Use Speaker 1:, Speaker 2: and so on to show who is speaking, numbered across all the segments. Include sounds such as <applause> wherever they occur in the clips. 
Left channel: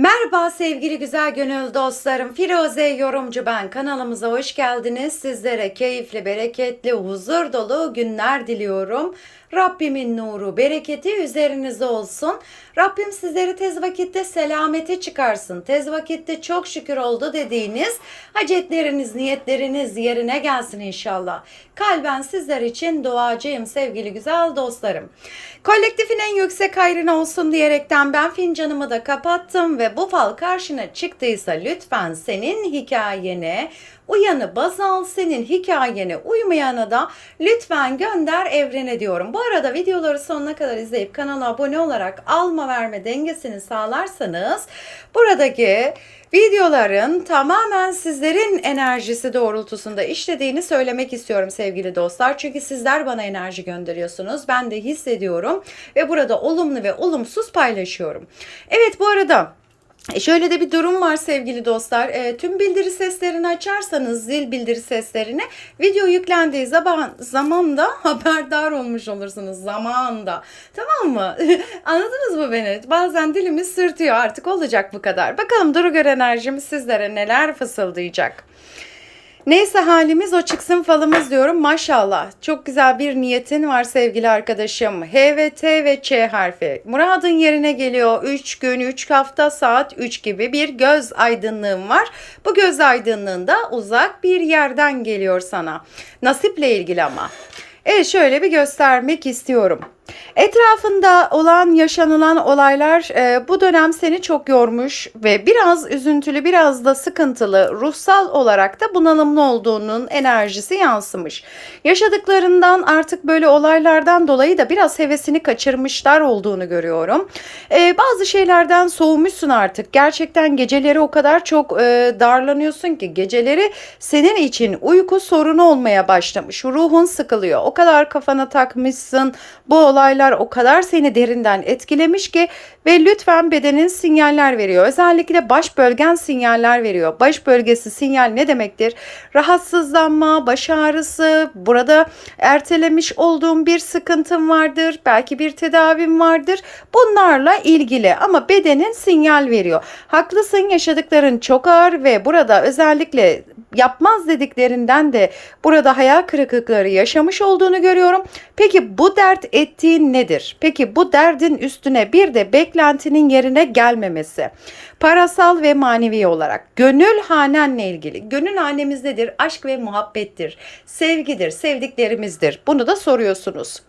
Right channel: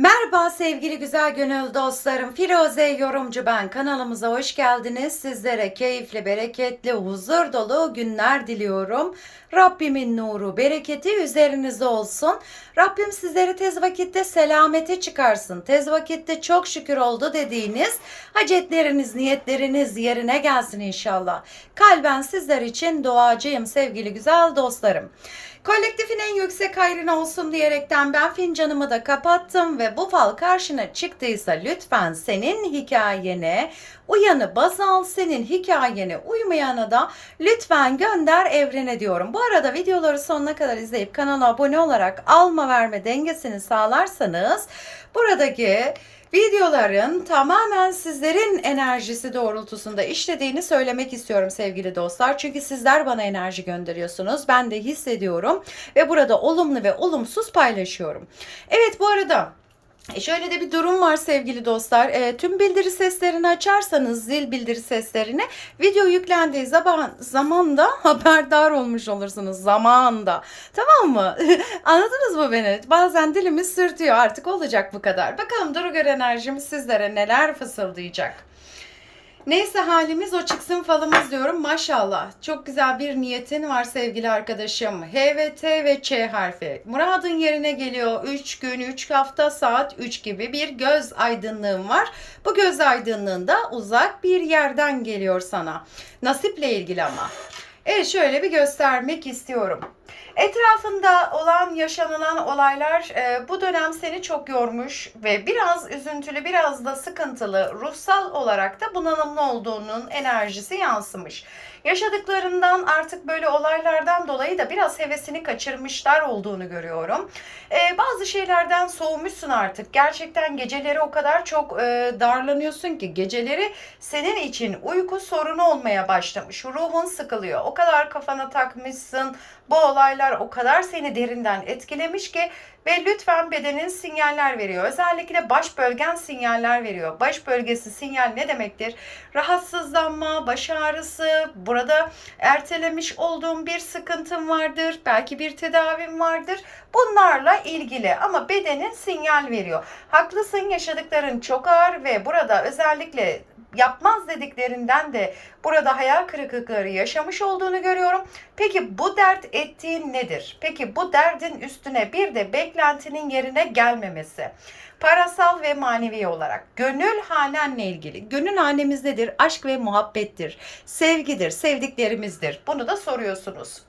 Speaker 1: Merhaba sevgili güzel gönül dostlarım. Firuze Yorumcu ben. Kanalımıza hoş geldiniz. Sizlere keyifli, bereketli, huzur dolu günler diliyorum. Rabbimin nuru, bereketi üzerinize olsun. Rabbim sizleri tez vakitte selamete çıkarsın. Tez vakitte çok şükür oldu dediğiniz hacetleriniz, niyetleriniz yerine gelsin inşallah. Kalben sizler için duacıyım sevgili güzel dostlarım. Kolektifin en yüksek hayrına olsun diyerekten ben fincanımı da kapattım ve bu fal karşına çıktıysa lütfen senin hikayene uyanı baz al, senin hikayene uymayanı da lütfen gönder evrene diyorum. Bu arada videoları sonuna kadar izleyip kanala abone olarak alma verme dengesini sağlarsanız buradaki videoların tamamen sizlerin enerjisi doğrultusunda işlediğini söylemek istiyorum sevgili dostlar. Çünkü sizler bana enerji gönderiyorsunuz. Ben de hissediyorum ve burada olumlu ve olumsuz paylaşıyorum. Evet bu arada Şöyle de bir durum var sevgili dostlar. E, tüm bildiri seslerini açarsanız zil bildiri seslerini video yüklendiği zaman zamanda <laughs> haberdar olmuş olursunuz zamanda. Tamam mı? <laughs> Anladınız mı beni? Bazen dilimiz sırtıyor artık olacak bu kadar. Bakalım Duru Gör enerjimiz sizlere neler fısıldayacak. Neyse halimiz o çıksın falımız diyorum. Maşallah. Çok güzel bir niyetin var sevgili arkadaşım. H ve T ve Ç harfi. Muradın yerine geliyor. 3 gün, 3 hafta, saat 3 gibi bir göz aydınlığım var. Bu göz aydınlığında uzak bir yerden geliyor sana. Nasiple ilgili ama. Evet şöyle bir göstermek istiyorum. Etrafında olan yaşanılan olaylar e, bu dönem seni çok yormuş ve biraz üzüntülü biraz da sıkıntılı ruhsal olarak da bunalımlı olduğunun enerjisi yansımış. Yaşadıklarından artık böyle olaylardan dolayı da biraz hevesini kaçırmışlar olduğunu görüyorum. E, bazı şeylerden soğumuşsun artık. Gerçekten geceleri o kadar çok e, darlanıyorsun ki geceleri senin için uyku sorunu olmaya başlamış. Ruhun sıkılıyor. O kadar kafana takmışsın. Bu olaylar o kadar seni derinden etkilemiş ki ve lütfen bedenin sinyaller veriyor. Özellikle baş bölgen sinyaller veriyor. Baş bölgesi sinyal ne demektir? Rahatsızlanma, baş ağrısı, burada ertelemiş olduğum bir sıkıntım vardır. Belki bir tedavim vardır. Bunlarla ilgili ama bedenin sinyal veriyor. Haklısın yaşadıkların çok ağır ve burada özellikle yapmaz dediklerinden de burada hayal kırıklıkları yaşamış olduğunu görüyorum. Peki bu dert ettiğin nedir? Peki bu derdin üstüne bir de beklentinin yerine gelmemesi. Parasal ve manevi olarak gönül hanenle ilgili. Gönül hanemiz nedir? Aşk ve muhabbettir. Sevgidir, sevdiklerimizdir. Bunu da soruyorsunuz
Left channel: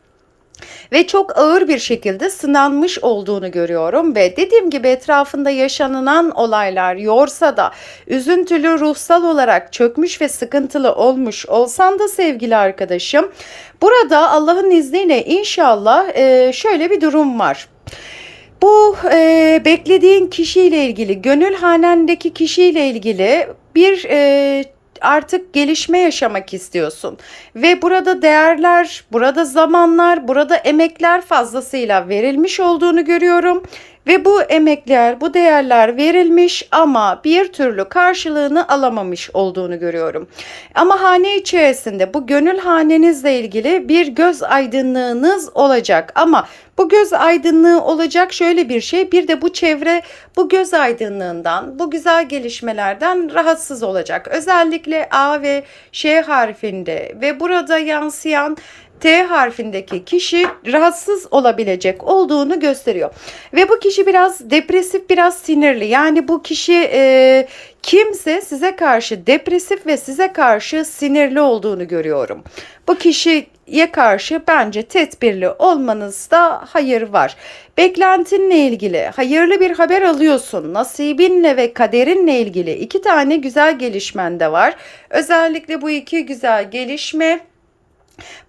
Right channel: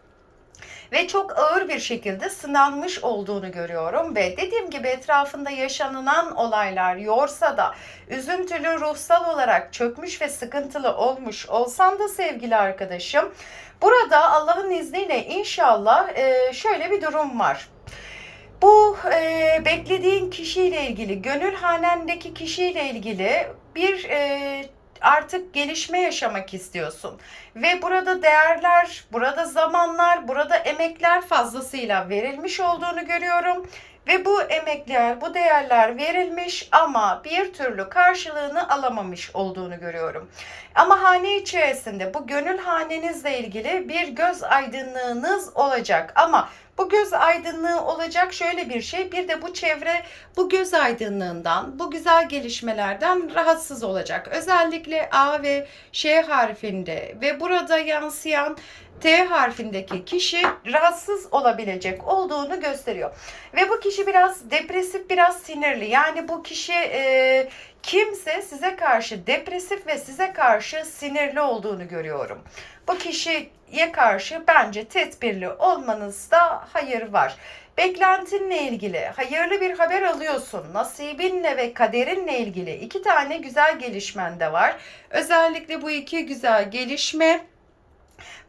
Speaker 1: ve çok ağır bir şekilde sınanmış olduğunu görüyorum ve dediğim gibi etrafında yaşanılan olaylar yorsa da üzüntülü ruhsal olarak çökmüş ve sıkıntılı olmuş olsan da sevgili arkadaşım burada Allah'ın izniyle inşallah e, şöyle bir durum var. Bu e, beklediğin kişiyle ilgili, gönül hanendeki kişiyle ilgili bir e, artık gelişme yaşamak istiyorsun. Ve burada değerler, burada zamanlar, burada emekler fazlasıyla verilmiş olduğunu görüyorum ve bu emekler, bu değerler verilmiş ama bir türlü karşılığını alamamış olduğunu görüyorum. Ama hane içerisinde bu gönül hanenizle ilgili bir göz aydınlığınız olacak ama bu göz aydınlığı olacak şöyle bir şey. Bir de bu çevre bu göz aydınlığından, bu güzel gelişmelerden rahatsız olacak. Özellikle A ve Ş harfinde ve burada yansıyan T harfindeki kişi rahatsız olabilecek olduğunu gösteriyor. Ve bu kişi biraz depresif, biraz sinirli. Yani bu kişi e, kimse size karşı depresif ve size karşı sinirli olduğunu görüyorum. Bu kişiye karşı bence tedbirli olmanızda hayır var. Beklentinle ilgili hayırlı bir haber alıyorsun. Nasibinle ve kaderinle ilgili iki tane güzel gelişmen de var. Özellikle bu iki güzel gelişme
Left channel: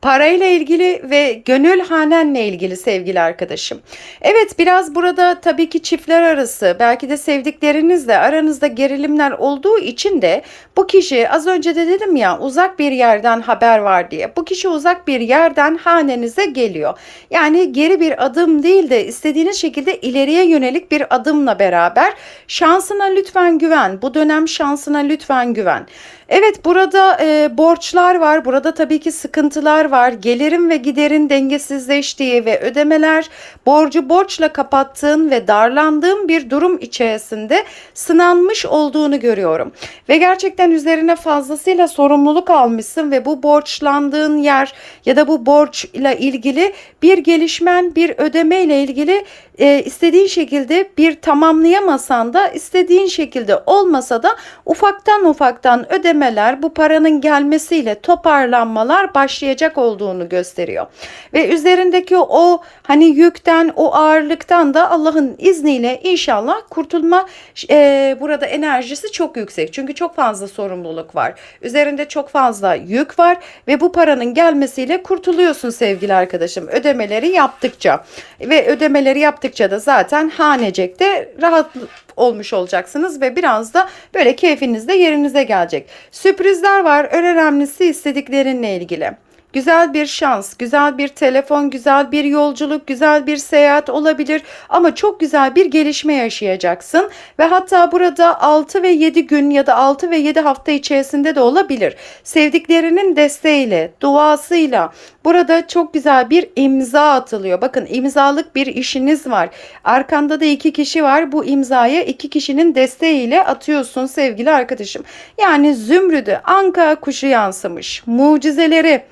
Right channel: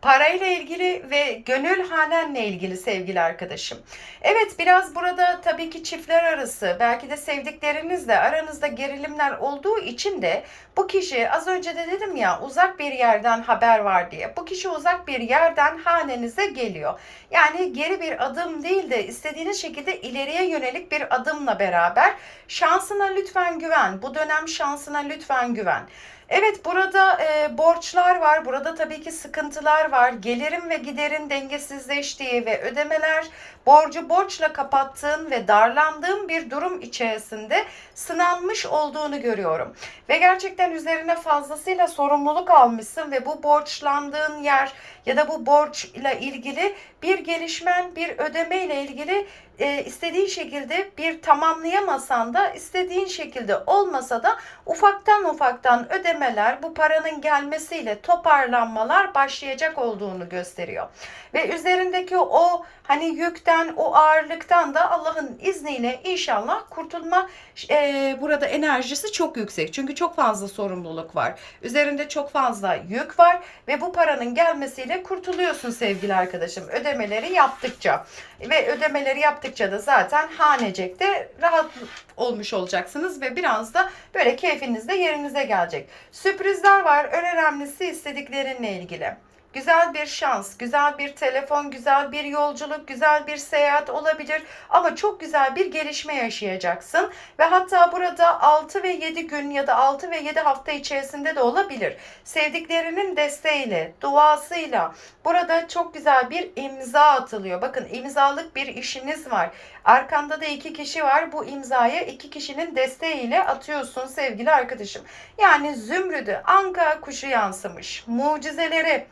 Speaker 1: Parayla ilgili ve gönül hanenle ilgili sevgili arkadaşım. Evet biraz burada tabii ki çiftler arası belki de sevdiklerinizle aranızda gerilimler olduğu için de bu kişi az önce de dedim ya uzak bir yerden haber var diye. Bu kişi uzak bir yerden hanenize geliyor. Yani geri bir adım değil de istediğiniz şekilde ileriye yönelik bir adımla beraber şansına lütfen güven. Bu dönem şansına lütfen güven. Evet burada e, borçlar var. Burada tabii ki sıkıntılar var. Gelirin ve giderin dengesizleştiği ve ödemeler borcu borçla kapattığın ve darlandığın bir durum içerisinde sınanmış olduğunu görüyorum. Ve gerçekten üzerine fazlasıyla sorumluluk almışsın ve bu borçlandığın yer ya da bu borçla ilgili bir gelişmen, bir ödeme ile ilgili e, istediğin şekilde bir tamamlayamasan da istediğin şekilde olmasa da ufaktan ufaktan ödemeler bu paranın gelmesiyle toparlanmalar başlayacak olduğunu gösteriyor. Ve üzerindeki o hani yükten o ağırlıktan da Allah'ın izniyle inşallah kurtulma e, burada enerjisi çok yüksek. Çünkü çok fazla sorumluluk var. Üzerinde çok fazla yük var ve bu paranın gelmesiyle kurtuluyorsun sevgili arkadaşım. Ödemeleri yaptıkça ve ödemeleri yaptıkça da zaten hanecekte rahat olmuş olacaksınız ve biraz da böyle keyfiniz de yerinize gelecek. Sürprizler var. En önemlisi istediklerinle ilgili. Güzel bir şans, güzel bir telefon, güzel bir yolculuk, güzel bir seyahat olabilir ama çok güzel bir gelişme yaşayacaksın ve hatta burada 6 ve 7 gün ya da 6 ve 7 hafta içerisinde de olabilir. Sevdiklerinin desteğiyle, duasıyla burada çok güzel bir imza atılıyor. Bakın imzalık bir işiniz var. Arkanda da iki kişi var. Bu imzayı iki kişinin desteğiyle atıyorsun sevgili arkadaşım. Yani zümrüdü, anka kuşu yansımış. Mucizeleri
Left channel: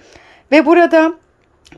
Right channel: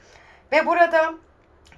Speaker 1: ve burada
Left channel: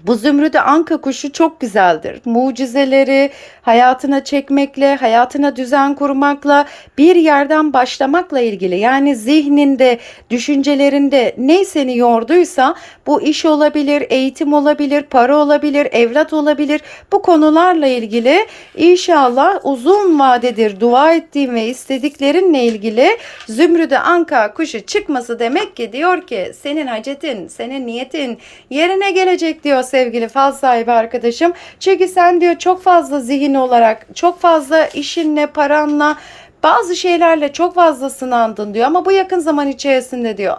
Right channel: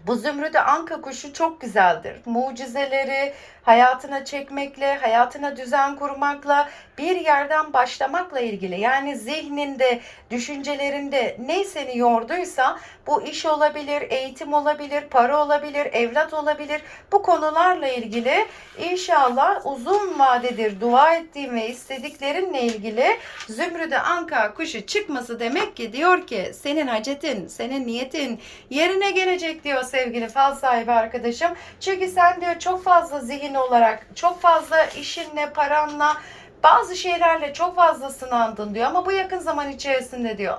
Speaker 1: bu zümrüde anka kuşu çok güzeldir. Mucizeleri hayatına çekmekle, hayatına düzen kurmakla, bir yerden başlamakla ilgili. Yani zihninde, düşüncelerinde ne seni yorduysa bu iş olabilir, eğitim olabilir, para olabilir, evlat olabilir. Bu konularla ilgili inşallah uzun vadedir dua ettiğim ve istediklerinle ilgili zümrüde anka kuşu çıkması demek ki diyor ki senin hacetin, senin niyetin yerine gelecek diyor sevgili fal sahibi arkadaşım. Çünkü sen diyor çok fazla zihin olarak, çok fazla işinle, paranla, bazı şeylerle çok fazla sınandın diyor ama bu yakın zaman içerisinde diyor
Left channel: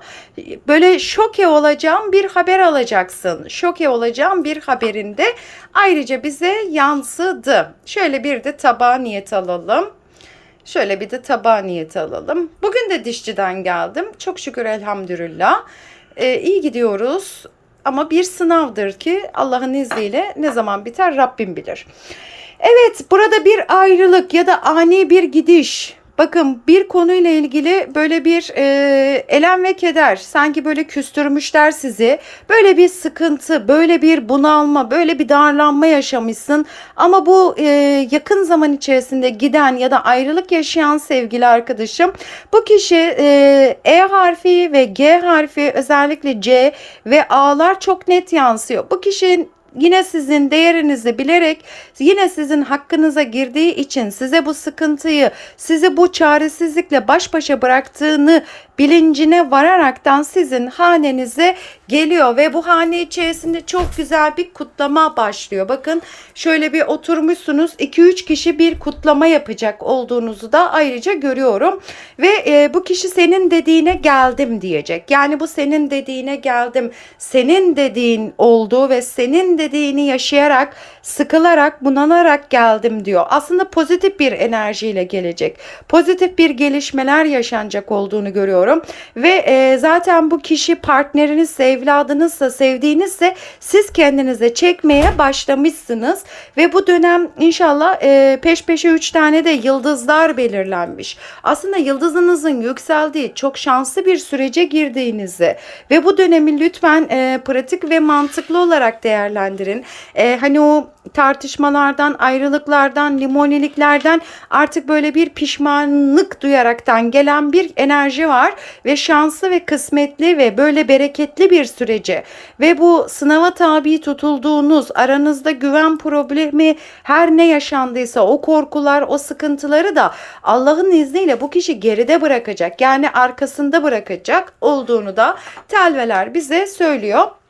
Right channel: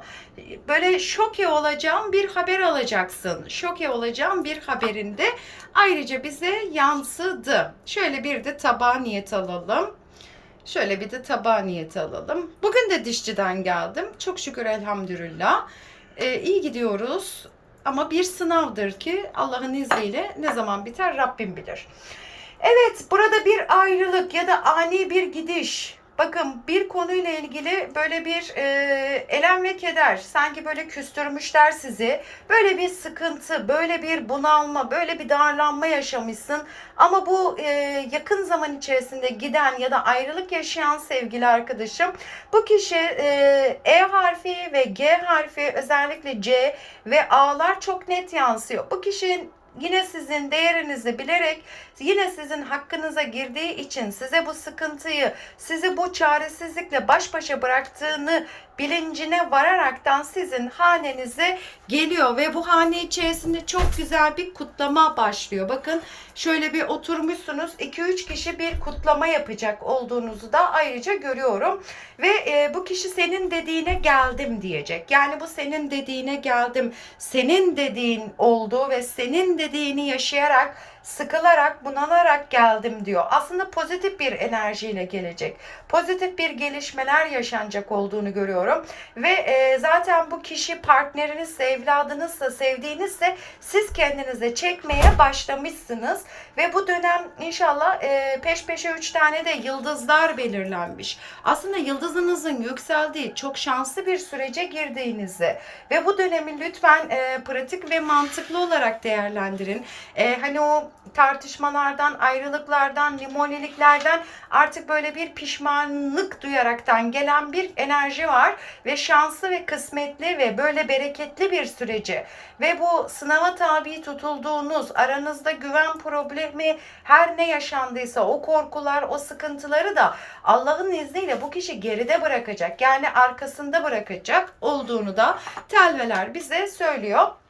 Speaker 1: böyle şoke olacağım bir haber alacaksın. Şoke olacağım bir haberinde ayrıca bize yansıdı. Şöyle bir de tabağa niyet alalım. Şöyle bir de tabağa niyet alalım. Bugün de dişçiden geldim. Çok şükür elhamdülillah. Ee, iyi gidiyoruz. Ama bir sınavdır ki Allah'ın izniyle ne zaman biter Rabbim bilir. Evet burada bir ayrılık ya da ani bir gidiş. Bakın bir konuyla ilgili böyle bir e, elem ve keder sanki böyle küstürmüşler sizi. Böyle bir sıkıntı, böyle bir bunalma, böyle bir darlanma yaşamışsın. Ama bu e, yakın zaman içerisinde giden ya da ayrılık yaşayan sevgili arkadaşım bu kişi e, E harfi ve G harfi özellikle C ve A'lar çok net yansıyor. Bu kişinin yine sizin değerinizi bilerek yine sizin hakkınıza girdiği için size bu sıkıntıyı, sizi bu çaresizlikle baş başa bıraktığını bilincine vararaktan sizin hanenize geliyor ve bu hane içerisinde çok güzel bir kutlama başlıyor. Bakın şöyle bir oturmuşsunuz 2-3 kişi bir kutlama yapacak olduğunuzu da ayrıca görüyorum ve e, bu kişi senin dediğine geldim diyecek. Yani bu senin dediğine geldim, senin dediğin oldu ve senin dediğini yaşayarak sıkılarak, bunalarak geldim diyor. Aslında pozitif bir enerjiyle gelecek. Pozitif bir gelişmeler yaşanacak olduğunu görüyorum. Ve e, zaten bu kişi partnerinizse, evladınızsa, sevdiğinizse siz kendinize çekmeye başlamışsınız. Ve bu dönem inşallah e, peş peşe 3 tane de yıldızlar belirlenmiş. Aslında yıldızınızın yükseldiği çok şanslı bir sürece girdiğinizi ve bu dönemi lütfen e, pratik ve mantıklı olarak değerlendirin. E, hani o tartışmalardan, ayrılıklardan, limoniliklerden artık böyle bir pişmanlık duyaraktan gelen bir enerji var ve şanslı ve kısmetli ve böyle bereketli bir süreci ve bu sınava tabi tutulduğunuz aranızda güven problemi her ne yaşandıysa o korkular, o sıkıntıları da Allah'ın izniyle bu kişi geride bırakacak. Yani arkasında bırakacak olduğunu da telveler bize söylüyor.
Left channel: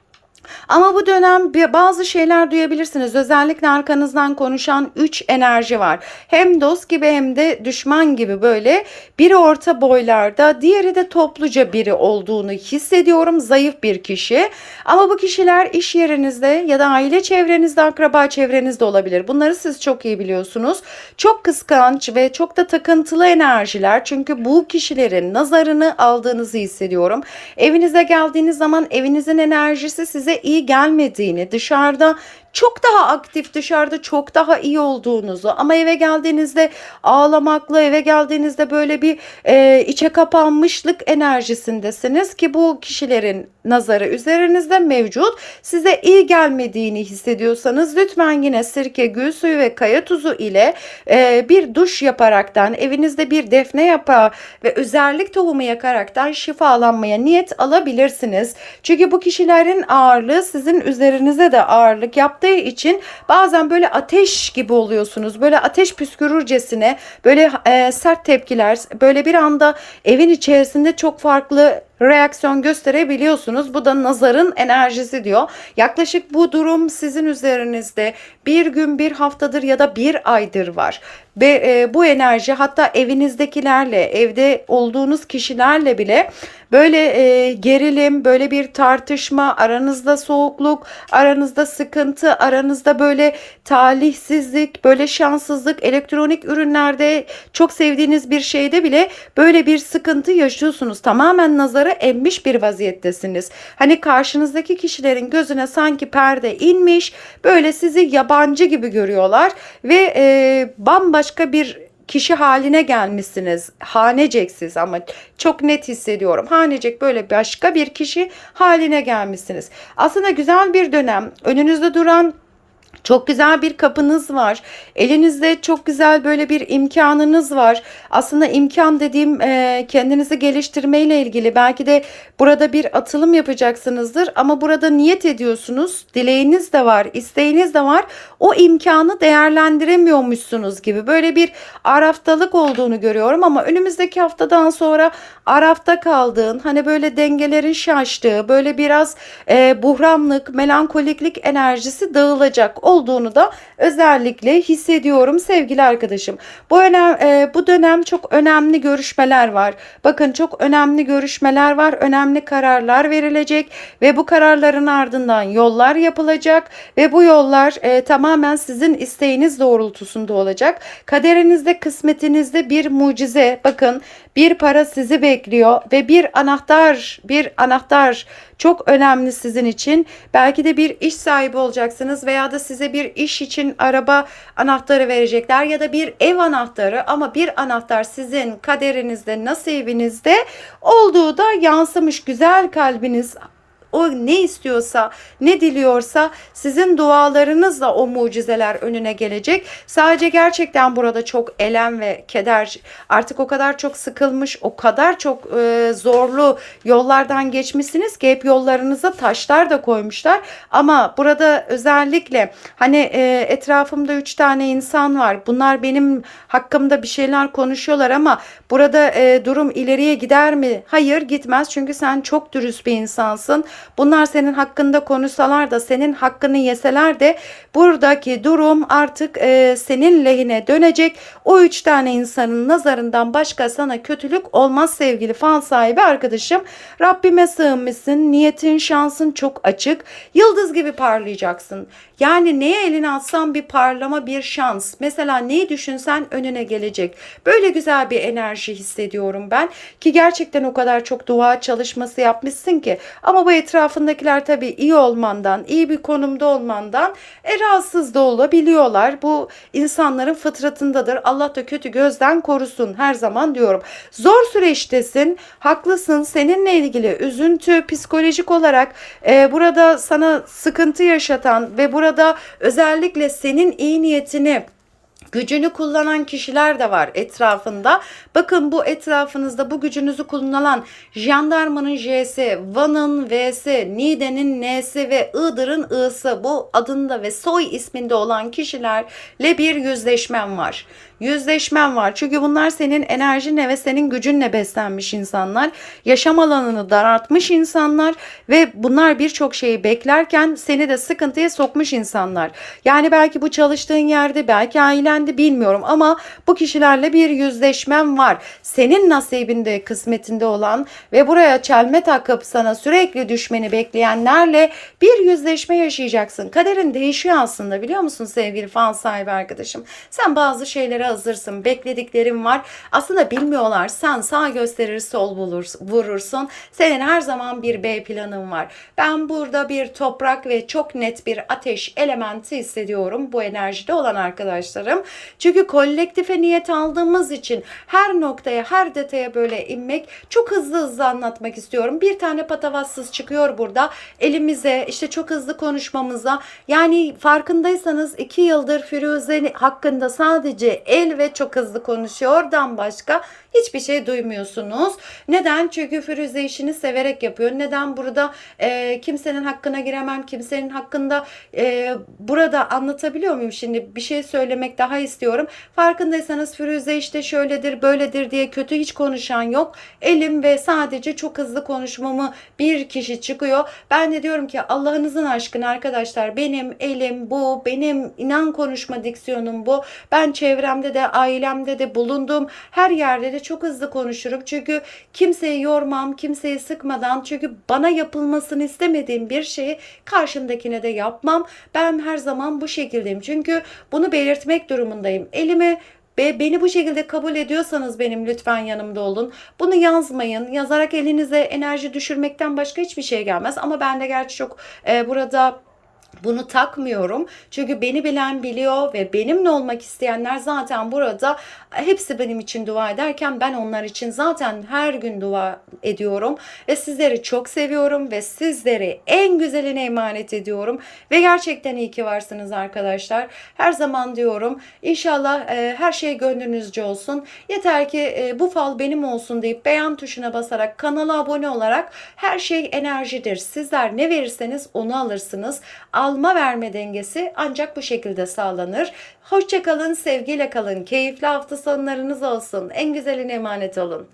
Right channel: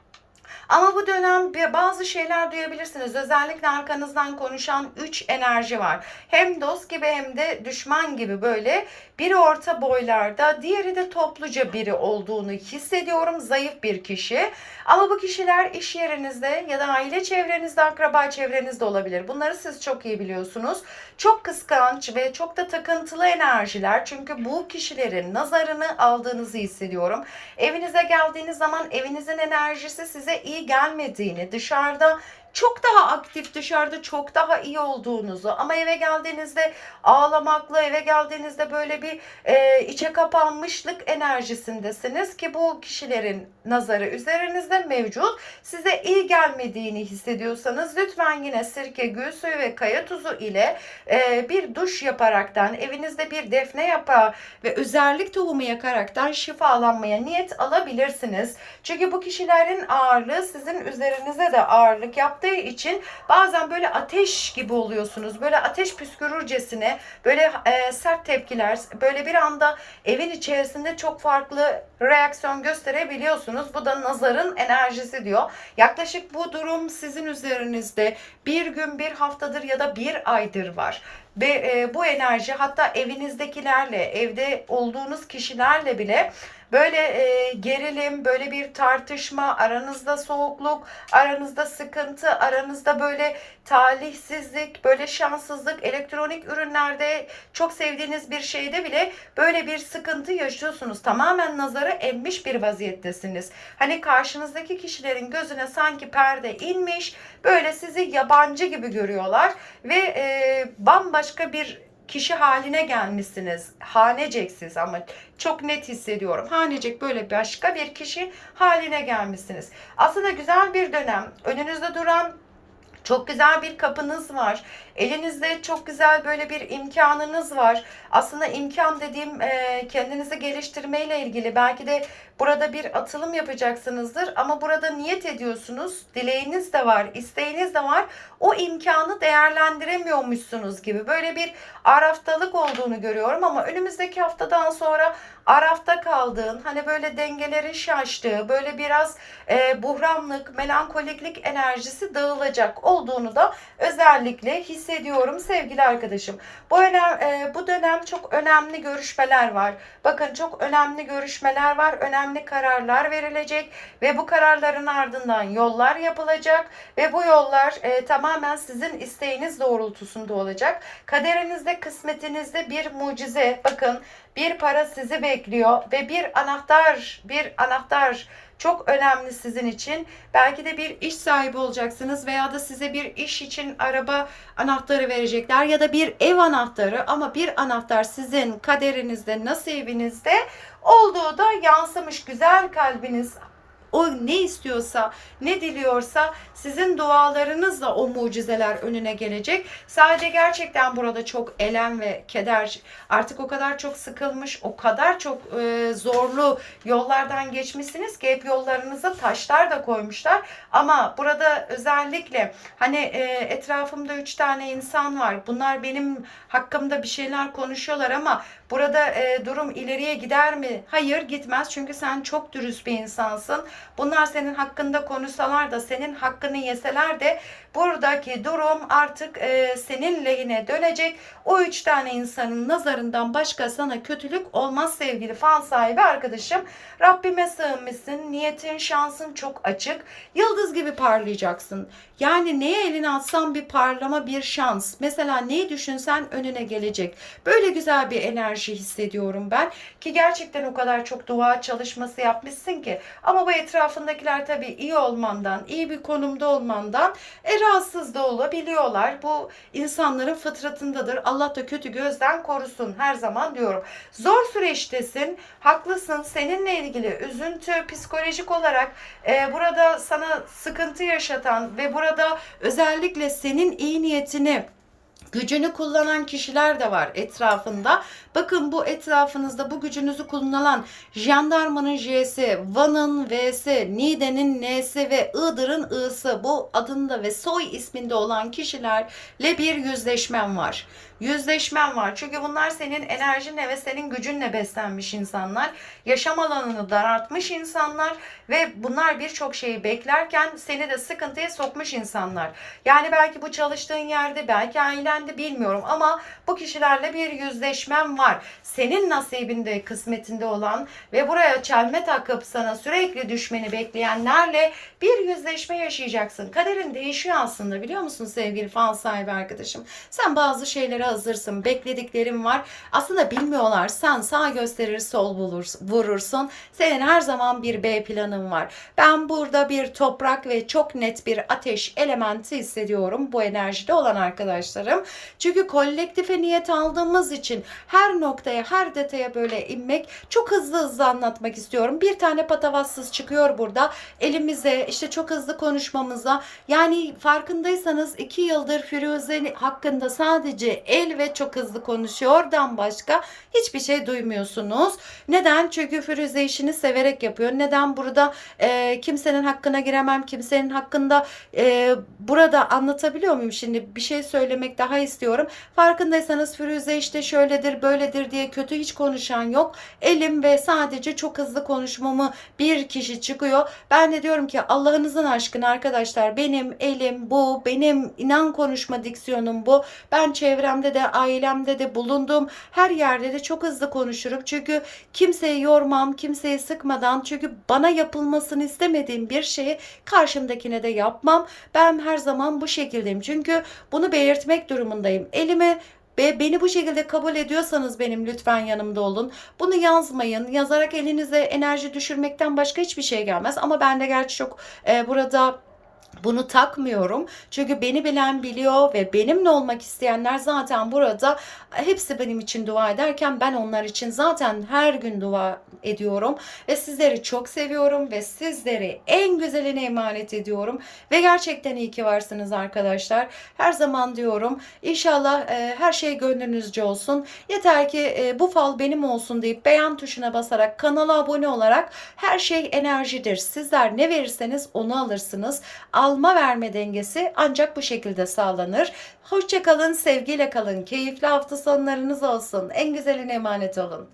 Speaker 1: Ama bu dönem bazı şeyler duyabilirsiniz. Özellikle arkanızdan konuşan 3 enerji var. Hem dost gibi hem de düşman gibi böyle biri orta boylarda, diğeri de topluca biri olduğunu hissediyorum. Zayıf bir kişi. Ama bu kişiler iş yerinizde ya da aile çevrenizde, akraba çevrenizde olabilir. Bunları siz çok iyi biliyorsunuz. Çok kıskanç ve çok da takıntılı enerjiler. Çünkü bu kişilerin nazarını aldığınızı hissediyorum. Evinize geldiğiniz zaman evinizin enerjisi size iyi gelmediğini, dışarıda çok daha aktif dışarıda çok daha iyi olduğunuzu ama eve geldiğinizde ağlamaklı eve geldiğinizde böyle bir e, içe kapanmışlık enerjisindesiniz ki bu kişilerin nazarı üzerinizde mevcut size iyi gelmediğini hissediyorsanız lütfen yine sirke, gül suyu ve kaya tuzu ile e, bir duş yaparaktan evinizde bir defne yaprağı ve özellik tohumu yakaraktan şifalanmaya niyet alabilirsiniz. Çünkü bu kişilerin ağırlığı sizin üzerinize de ağırlık yaptığı için bazen böyle ateş gibi oluyorsunuz. Böyle ateş püskürürcesine böyle e, sert tepkiler böyle bir anda evin içerisinde çok farklı reaksiyon gösterebiliyorsunuz. Bu da nazarın enerjisi diyor. Yaklaşık bu durum sizin üzerinizde bir gün, bir haftadır ya da bir aydır var. Ve e, bu enerji hatta evinizdekilerle, evde olduğunuz kişilerle bile böyle e, gerilim, böyle bir tartışma, aranızda soğukluk, aranızda sıkıntı, aranızda böyle talihsizlik, böyle şanssızlık, elektronik ürünlerde çok sevdiğiniz bir şeyde bile böyle bir sıkıntı yaşıyorsunuz. Tamamen nazara emmiş bir vaziyettesiniz. Hani karşınızdaki kişilerin gözüne sanki perde inmiş, böyle sizi yabancı gibi görüyorlar ve e, bambaşka bir kişi haline gelmişsiniz. Haneceksiz ama çok net hissediyorum. Hanecek böyle başka bir kişi haline gelmişsiniz. Aslında güzel bir dönem. Önünüzde duran çok güzel bir kapınız var. Elinizde çok güzel böyle bir imkanınız var. Aslında imkan dediğim e, kendinizi geliştirmeyle ilgili. Belki de burada bir atılım yapacaksınızdır ama burada niyet ediyorsunuz. Dileğiniz de var, isteğiniz de var. O imkanı değerlendiremiyormuşsunuz gibi. Böyle bir araftalık olduğunu görüyorum ama önümüzdeki haftadan sonra arafta kaldığın, hani böyle dengelerin şaştığı, böyle biraz e, buhranlık, melankoliklik enerjisi dağılacak olduğunu da özellikle hissediyorum sevgili arkadaşım. Bu önem, e, bu dönem çok önemli görüşmeler var. Bakın çok önemli görüşmeler var, önemli kararlar verilecek ve bu kararların ardından yollar yapılacak ve bu yollar e, tamamen sizin isteğiniz doğrultusunda olacak. Kaderinizde, kısmetinizde bir mucize. Bakın bir para sizi bekliyor ve bir anahtar, bir anahtar çok önemli sizin için. Belki de bir iş sahibi olacaksınız veya da size bir iş için araba anahtarı verecekler ya da bir ev anahtarı ama bir anahtar sizin kaderinizde, nasibinizde olduğu da yansımış güzel kalbiniz o ne istiyorsa, ne diliyorsa sizin dualarınızla o mucizeler önüne gelecek. Sadece gerçekten burada çok elem ve keder artık o kadar çok sıkılmış, o kadar çok e, zorlu yollardan geçmişsiniz ki hep yollarınıza taşlar da koymuşlar. Ama burada özellikle hani e, etrafımda üç tane insan var. Bunlar benim hakkımda bir şeyler konuşuyorlar ama burada e, durum ileriye gider mi? Hayır gitmez çünkü sen çok dürüst bir insansın. Bunlar senin hakkında konuşsalar da senin hakkını yeseler de buradaki durum artık e, senin lehine dönecek. O üç tane insanın nazarından başka sana kötülük olmaz sevgili fan sahibi arkadaşım. Rabbime sığınmışsın. Niyetin, şansın çok açık. Yıldız gibi parlayacaksın. Yani neye elini atsan bir parlama, bir şans. Mesela neyi düşünsen önüne gelecek. Böyle güzel bir enerji hissediyorum ben. Ki gerçekten o kadar çok dua çalışması yapmışsın ki. Ama bu etrafındakiler tabii iyi olmandan, iyi bir konumda olmandan e, rahatsız da olabiliyorlar. Bu insanların fıtratındadır. Allah da kötü gözden korusun her zaman diyorum. Zor süreçtesin, haklısın. Seninle ilgili üzüntü, psikolojik olarak e, burada sana sıkıntı yaşatan ve burada özellikle senin iyi niyetini Gücünü kullanan kişiler de var etrafında. Bakın bu etrafınızda bu gücünüzü kullanan jandarmanın J'si, Van'ın V'si, Niğde'nin N'si ve Iğdır'ın I'sı bu adında ve soy isminde olan kişilerle bir yüzleşmem var. Yüzleşmen var. Çünkü bunlar senin enerjinle ve senin gücünle beslenmiş insanlar. Yaşam alanını daraltmış insanlar ve bunlar birçok şeyi beklerken seni de sıkıntıya sokmuş insanlar. Yani belki bu çalıştığın yerde, belki ailende bilmiyorum ama bu kişilerle bir yüzleşmen var. Senin nasibinde, kısmetinde olan ve buraya çelme takıp sana sürekli düşmeni bekleyenlerle bir yüzleşme yaşayacaksın. Kaderin değişiyor aslında biliyor musun sevgili fan sahibi arkadaşım? Sen bazı şeylere hazırsın. Beklediklerin var. Aslında bilmiyorlar. Sen sağ gösterir sol bulur, vurursun. Senin her zaman bir B planın var. Ben burada bir toprak ve çok net bir ateş elementi hissediyorum bu enerjide olan arkadaşlarım. Çünkü kolektife niyet aldığımız için her noktaya, her detaya böyle inmek çok hızlı hızlı anlatmak istiyorum. Bir tane patavatsız çıkıyor burada. Elimize işte çok hızlı konuşmamıza yani farkındaysanız iki yıldır Firuze hakkında sadece el ve çok hızlı konuşuyordan başka hiçbir şey duymuyorsunuz. Neden? Çünkü Firuze işini severek yapıyor. Neden? Burada e, kimsenin hakkına giremem, kimsenin hakkında e, burada anlatabiliyor muyum? Şimdi bir şey söylemek daha istiyorum. Farkındaysanız Firuze işte şöyledir, böyledir diye kötü hiç konuşan yok. Elim ve sadece çok hızlı konuşmamı bir kişi çıkıyor. Ben de diyorum ki Allah'ınızın aşkına arkadaşlar benim elim bu, benim inan konuşma diksiyonum bu. Ben çevremde de, ailemde de bulunduğum her yerde de çok hızlı konuşurum. Çünkü kimseyi yormam, kimseyi sıkmadan çünkü bana yapılmasını istemediğim bir şeyi karşımdakine de yapmam. Ben her zaman bu şekildeyim. Çünkü bunu belirtmek durumundayım. Elimi ve beni bu şekilde kabul ediyorsanız benim lütfen yanımda olun. Bunu yazmayın. Yazarak elinize enerji düşürmekten başka hiçbir şey gelmez. Ama ben de gerçi çok e, burada bunu takmıyorum. Çünkü beni bilen biliyor ve benimle olmak isteyenler zaten burada hepsi benim için dua ederken ben onlar için zaten her gün dua ediyorum. Ve sizleri çok seviyorum ve sizleri en güzeline emanet ediyorum. Ve gerçekten iyi ki varsınız arkadaşlar. Her zaman diyorum inşallah e, her şey gönlünüzce olsun. Yeter ki e, bu fal benim olsun deyip beğen tuşuna basarak kanala abone olarak her şey enerjidir. Sizler ne verirseniz onu alırsınız alma verme dengesi ancak bu şekilde sağlanır. Hoşçakalın, sevgiyle kalın, keyifli hafta sonlarınız olsun. En güzeline emanet olun.